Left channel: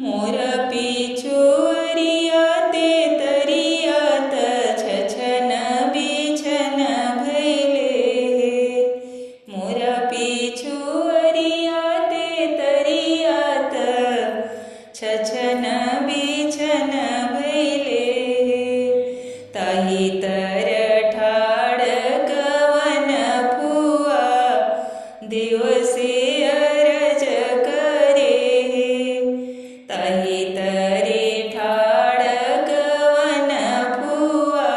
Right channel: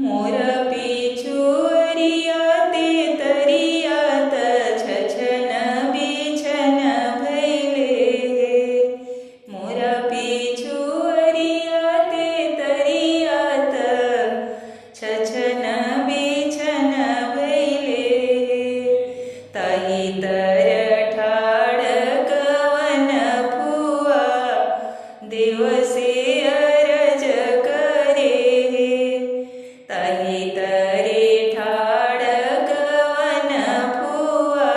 मोर पिछुअरियात तरियात छछन बिछन भैले। मोर पिछुअरियात तरियात छछन बिछन भैले। ताही तर ठाड़ कवन फुआ दिवसे अरज करे। ताही तरे ठाड़ कवन फुआ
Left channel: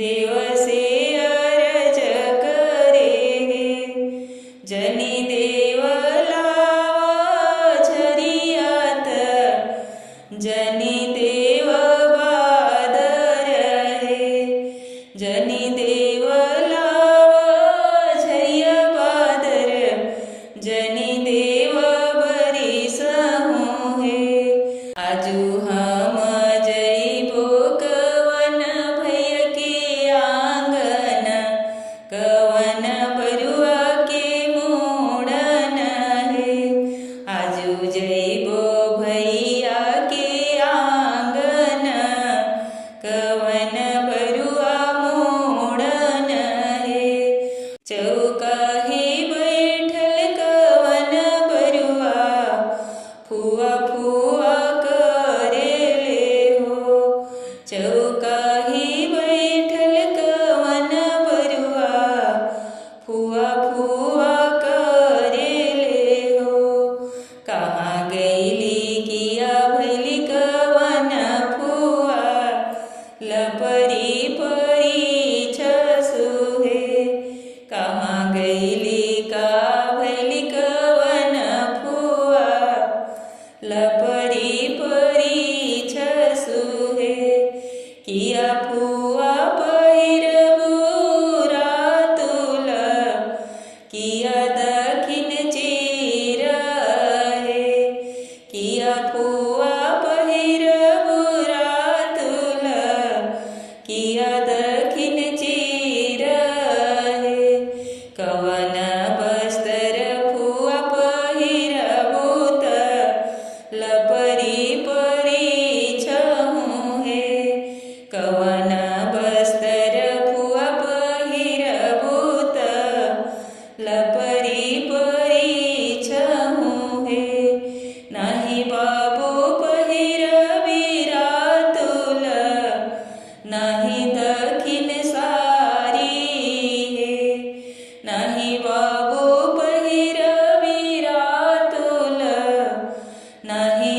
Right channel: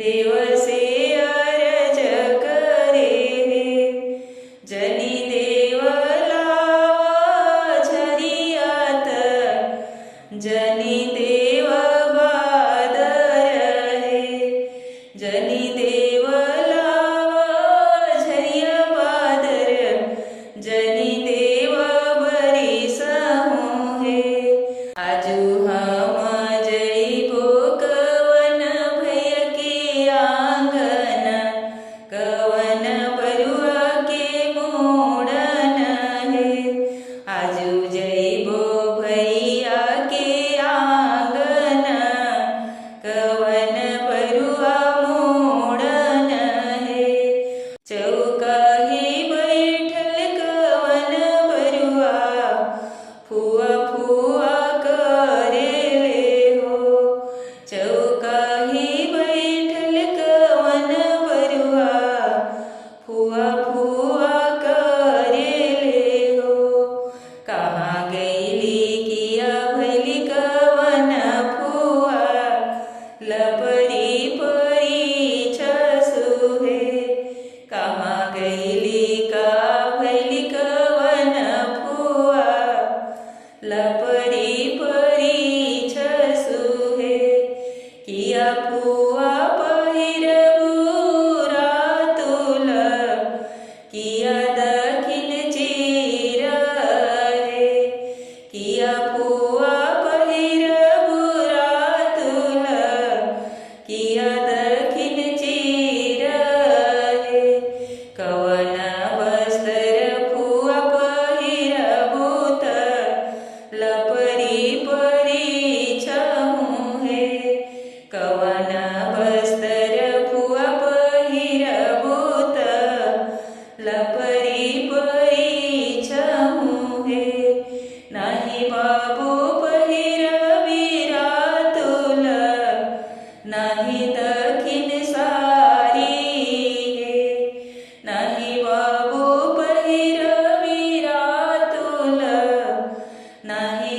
दिवसे अरज करे। जनी देव लावा झरियात जनी देव बादर हे। जनी देव लावा झरिया बादर जनी देव बरिस होहे। आजू हम जइबो कवन भैया के आंगन कवन बरुआ के मोड़न हे। आजू जइबो भैया के आंगन कवन बरुआ मोड़न हे। चौकाहे बैठल कवन बरुआ फुआ फुआ करेले हो। चौकाहे बैठल कवन बरुआ फुआ फुआ करेले हो। कहाँ गइली किया भली कवन फुआ लपरी परी छसुहे। कहाँ गइली का भली कवन फुआ लपरी परी छसुहे। किया फुआ पहिरबू रातुल किया दखिन चीर हे। किया फुआ पहिरबू रातुल किया दखिन चीर हे। कवन बस्तर फुआ पहिरबू त लपरी परी छहुहे। कवन बस्तर फुआ पहिरबू त लपरी परी छहुहे। नाही बाबू पहिरबी रातुल नाही दखिन सारी हे। नाही बाबू पहिरबी रातुल नाही